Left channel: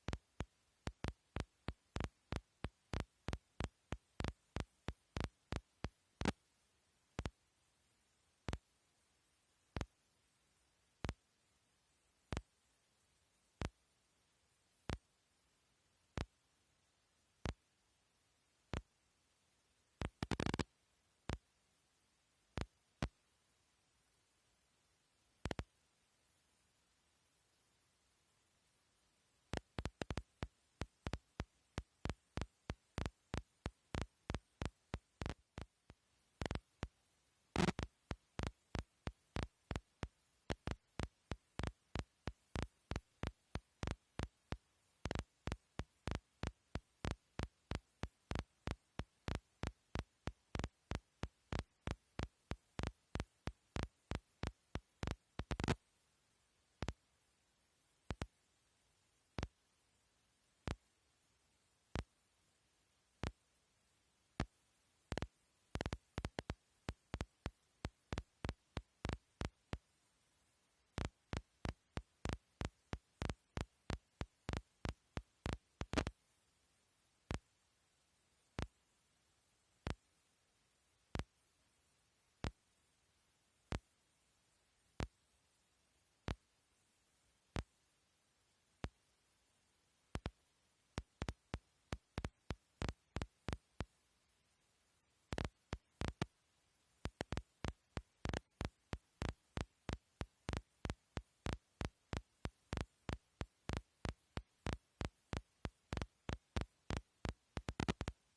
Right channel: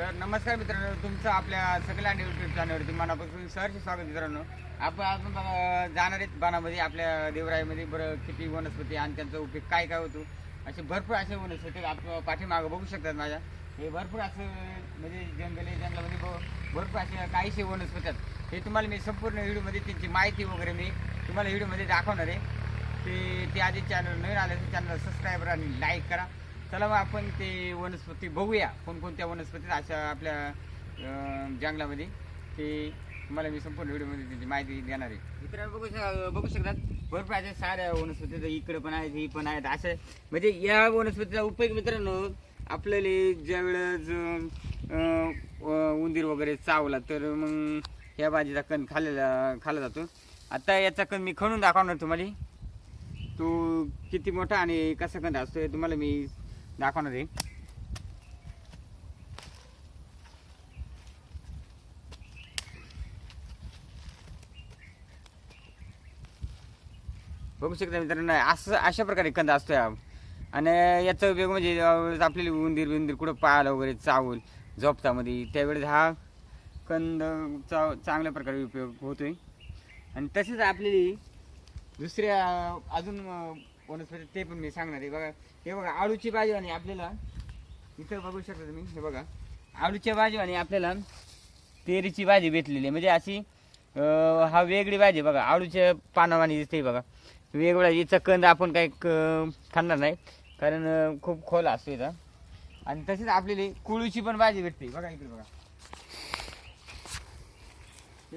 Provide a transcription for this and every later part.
तर नमस्कार मित्रांनो तुमचं आपल्या सगळ्या यूट्यूब चॅनलवरती मनापासून सहर्ष स्वागत मित्रांनो. आपण अजून जाणारे जाणार आहेत आपल्या देवराईमध्ये. बरं किती वनस्पती आणि त्यांचा उपयोग काय काय होतो? असे भरपूर असे वनस्पती आप पाठीमागं बघू शकतात माझ्या. हे भरपूर असं म्हणजे जंगल आहे जंगलामध्ये भरपूर असे काहीसे वनस्पती आहेत. हे तुम्हाला मी संपूर्ण व्हिडिओमध्ये त्यांची माहिती वगैरे मी तुम्हाला व्हिडिओमध्ये दाखवणार आहे. ते ते आधी चॅनल नवीन आले तर चॅनल सबस्क्राईब आणि लाईक करा. चला मग आपण ते वनस्पती बघूया. कोणकोणत्या वनस्पती अशा आपल्या जंगलामध्ये. ते मला मी संपूर्ण व्हिडिओमध्ये त्याची माहिती देणार आहे. मित्रांनो बघू शक- बघू शकतात. भरपूर अशा साऱ्या वनस्पती इकडे पण आहेत ही पण आहेत. असं म्हणजे या वनस्पतीचा उपयोग मित्रांनो आपल्याला ज्यावेळेस उंदीर वगैरे चावला तर मग ह्या भाजीचा कण खाल्लेला खाल्ला जातो. आता याचा कण मी खणून दाखवणार तुम्हाला. तो किती मोठा आणि कसा कण असतो हे तुम्हाला मी दाखवणार आहे बघू शकता मित्रांनो असं अशा प्रकारे कंद असतो या आणि याचा उपयोग म्हणजे आपल्याला उंदीर बिंदीर कुठं पाहायला वगैरे चावल झोपतामध्ये त्यावेळेस हा कंद चा चांगल्या प्रकारे उपयोग होतोय. आणि तसेच आपली दुसऱ्या अजून वनस्पती ते पण मी सांगणार आहे. बघा हे बघा आळूची भाजी आणि आपल्याला इथं बघू शकता तुम्ही हे बघा. आळूच्या भाजी आणि आपल्याला तेरीची भाजी भेटलेली आहे. म्हणजे अशी हा वेगळी भाजी बघा. आळूच्या पानावानी दिसते बघा. वेगळा हिचा कंद आपण काही क- खाणार नाही. कारण खूप खोल असतो इथं आणि तसेच आपल्याला कुळूची पण भाजी भेटते. बघा इकडे बघा.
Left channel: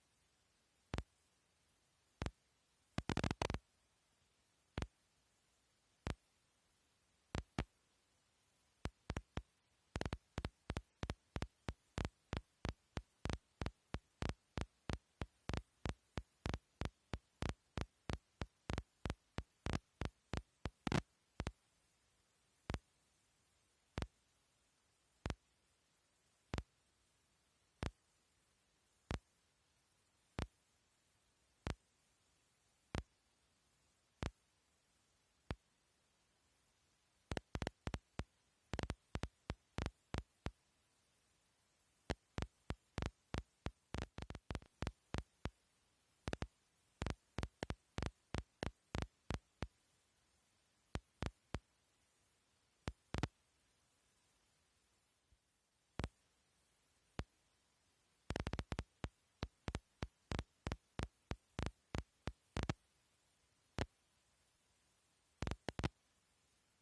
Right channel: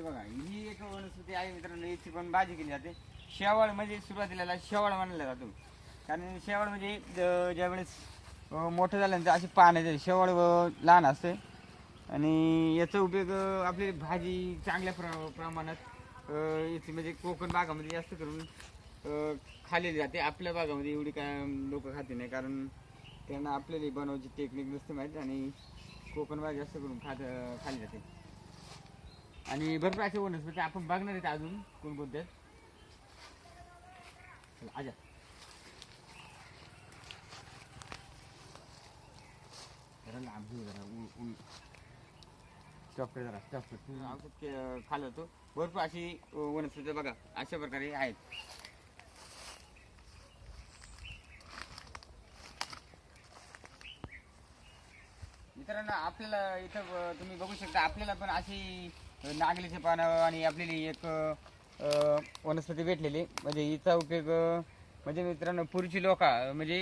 बघा ही एक वनस्पती आहे मित्रांनो याची पण भाजी केली जाते. शेवाळ म्हणजे सुरुवातीला शेवाळ मानला जातो. कारण शेवाळ म्हणजे ज- ज्यावेळेस मोठं झाल्यानंतर अशी पाण्याचे शेवाळ लहान असते. आणि याचा उपयोग आपली भाजी चांगल्या प्र प्रमाणात याची म्हणजे कोकण भागामध्ये जास्त करून अं, खाल्लेली जाते. आपल्या भागामध्ये एवढी काय लोक खाते नाही. कारण त्यांना आपल्याला बनवायची टेक्निक नसते माहीत. आणि कोकण भाग जास्त करून खात खाल्ली जाते. आणि भरपूर असे वनस्पती म्हणजे आपण बघणार आहेत अजून कोणकोणते आहेत. आजा. जरा लांब जरा खाल्लं भरपूर अशी वनस्पती बघा. अशा प्रकारे आहेत. मित्रांनो आपल्याला इथं ब- तुम्ही बघू शकता आपल्याला पण अशी नागलीचे पानं आणि आपल्याला एक अ, वनस्पती भेटलेली. म्हणजे हिचा उपयोग अ, म्हणजे मित्रांनो पुढची लोक म्हणजे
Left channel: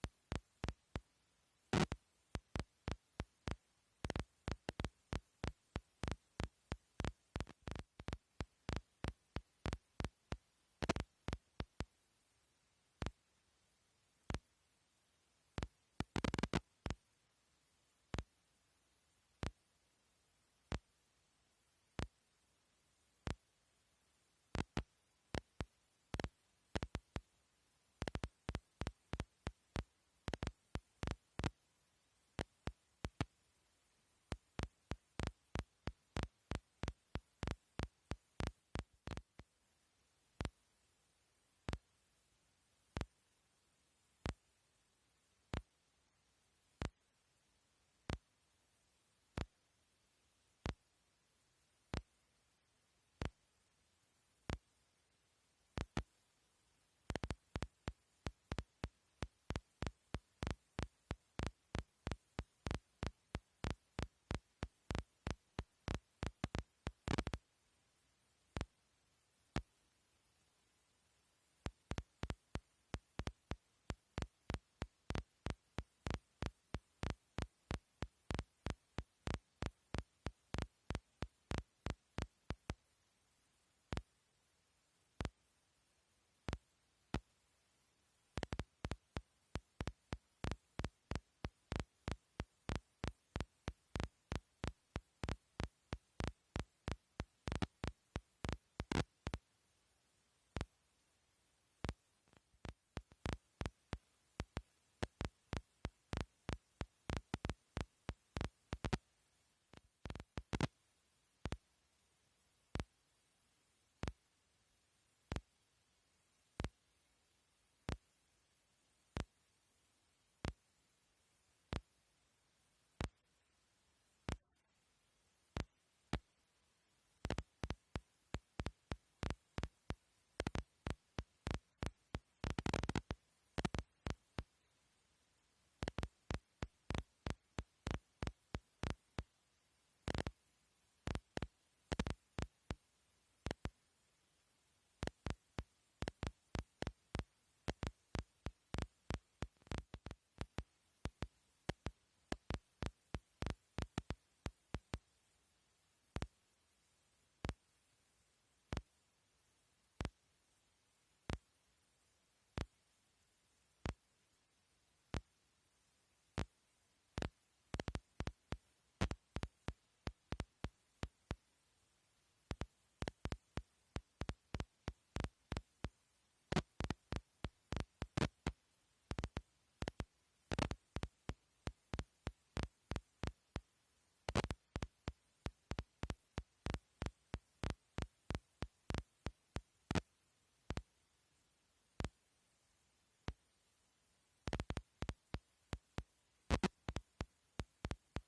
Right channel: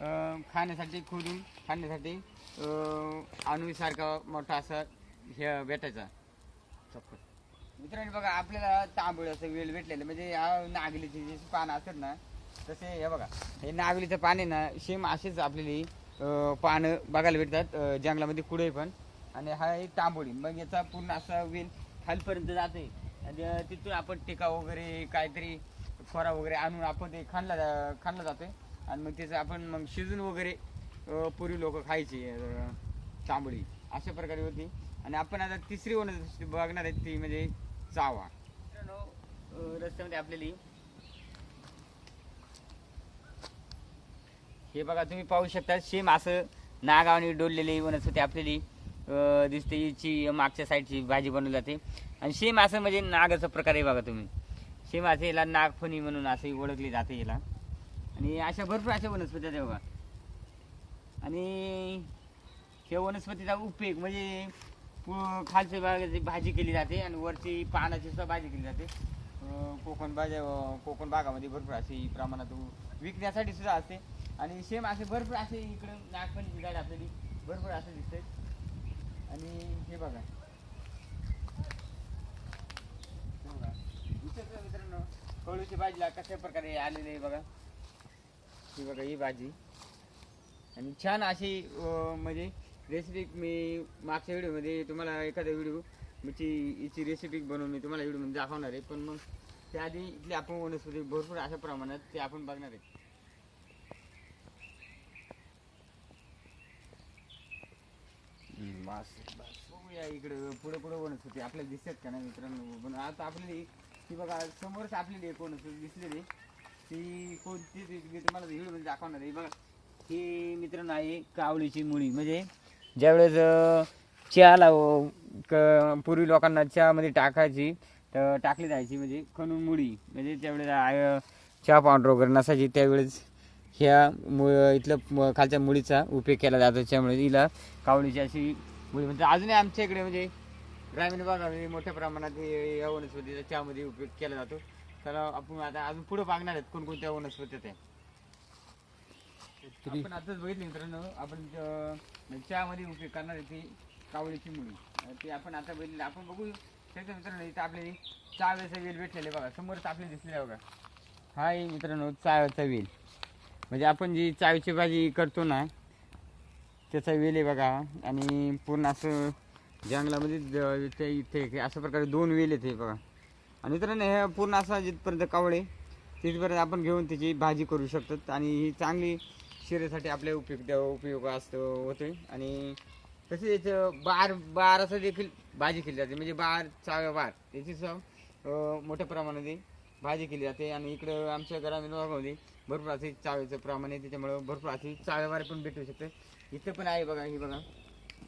अ, खाण्यासाठी खोदून खाण्यासाठी अनुसारखा मोठा असा हे भेटायचा. मित्रांनी मित्रांनो बघा आपल्याला तांबूळ असं वेळ भेटलेलं. म्हणजे या नागलीची पानं असतात ना तसे हे बघा. हे नागलीचं पाणी ना सेम असेच आपल्याला अं, पानं बघायला भेटतात. अं, जंगलामध्ये कुठे पण. आणि हा एक तांबोळी. मग याचा पूर्ण असा वेल खालपर्यंत जाते आणि तिथून आपण टिका वगैरे काहीतरी खोरा वगैरे आणून आपण ते खाणला खाणला जातोय. आणि मग त्याचं आपण मग शिजून वगैरे पूर्वी लोक खायची अं, तांबोळी. अशा प्रकारे होती. आणि आपण आता तिसरी वनस्पती बघणार आहे ती म्हणजे चावा. रस्त्यामध्ये आपल्याली हे बघा तुम्ही पाहू शकता सेम असं नागावाने डोललेली वनस्पती आपल्याली. दिसते हिची मागच्या साईडची भाजी बनवली जाते. आणि सेम असं म्हणजे नागाचा प्रकार आहे बघा तुम्ही. सेम असं याला नागफणी म्हणून असंही ओळखली जाते याला. आणि अशा भरपूर अशा वनस्पती आहेत बघा. आणि हे वनस्पतीचा उपयोग म्हणजे खालच्या भागाची भाजी केली जाते आणि वरची पानाची सुद्धा भाजी केली जाते. कोकण भाज्या कोकण भागामध्ये भरपूर असे प्रमाणात विकण्यासाठी सुद्धा असते. आणि सेम असे भरपूर असे इकडं नागपणीची गाडी भरपूर असं दिसते. आणि हे बघा. हे बघा. मित्रांनो कळूच्या भाजीला कशा प्रकारे आलेले आहे बघा. ही बघा ही भाजी. आणि छान अशी म्हणजे रेसिपी मी मागच्या व्हिडिओमध्ये तुम्हाला एखादा व्हिडिओ याची याची रेसिपी बनवून मी तुम्हाला व्हिडिओमध्ये दाखवणार आहे. पण मग त्याआधी इथली आपण वनस्पती भरपूर अशा प्रमाणात ते आपण बघणार आहे. बस बघूया पुढे पुढे वनस्पती आपल्याला दिसतात का नाही मित्रांनो? पण आता आपली ती बघा समोरच आपली एक वनस्पती दिसलेली ती कोणती मी तुम्हाला व्हिडिओमध्ये दाखवणार आहे. बघा ही मित्रांनो आहे कावळीची मुळी. म्हणजे ज्यावेळेस चहा चहाला क पूर्वी लोकांना चहामध्ये टाकायची तर टाकली जायची म्हणजे खणून मुळी. म्हणजे त्यावेळेस आय- चहा पावडर वगैरे नसायची. त्यावेळेस ह्या मु इथलं खालच्या मुळीचा उपयोग केला जातो. त्यामुळे हिला कावळीची अशी म्हणजे अजूनही आमच्या इकडे म्हणजे ग्रामीण भागामध्ये मोठ्या प्रमाणात हे या वनस्पतीचा चहामध्ये उपयोग केला जातो. तर आपण आता अजून पुढे पाहणार आहेत कोणकोणत्या वनस्पती त्या. आपण आताच बघितलं मित्रांनो आपण ज- चहामध्ये उपयोग करणार आहे ती कावळीची मुळी. अं, ती आपण आता बघितली आपण बघू शकतो मित्रांनो इथं आपले चाव्याचा वेल भेटलेले बघा. समोरच आपले दिसलेले बघा. हा आहे मित्रांनो चाव्याचा वेल. म्हणजे आपण जी चावीची भाजी करतो ना त्याचा वेल आहे बघा. आणि पूर्ण असं जंगलामध्ये ते इथे अशा प्रकारे दोन वेल आहेत हे बघा. आणि मित्रांनो हे पूर्ण असं जिथपर्यंत कावळे तिथपर्यंत आपण घेऊन त्याची भाजी करू शकतो आणि ही चांगली शरीरासाठी आपल्या उपयुक्त उपयोग असतो होते. आणि तसेच बार बार असं देखील भाजी केली जाते. म्हणजे बार चाव्या बार. याची चव मोठ्या प्रमाणात भाजी केली जाते आणि इकडं आमच्या ग्रामीण भागामध्ये भरपूर असे चाव्याचं प्रमाण आहे त्याच्यामुळं भरपूर अशी चाळेवारी पण भेटू शकते. इथे पण आहे बघा ही बघा.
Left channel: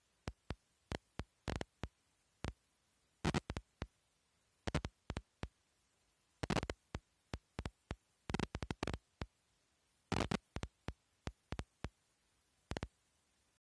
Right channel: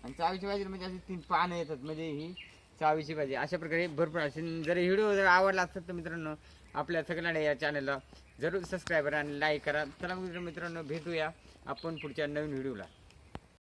आणि चावीची भाजी म्हणजे अशी तीन पानं येतात म्हणजे ही चावीची भाजी. अशा प्रकारे भरपूर असे जर व्हिडिओ जर आवडला असेल तर मित्रांनो आपल्या सगळ्यांना या चॅनलला जरूर सबस्क्राईब करा आणि लाईक करा. चला मित्र मित्रांनो भेटूया आपण पुढच्या नवीन व्हिडिओला.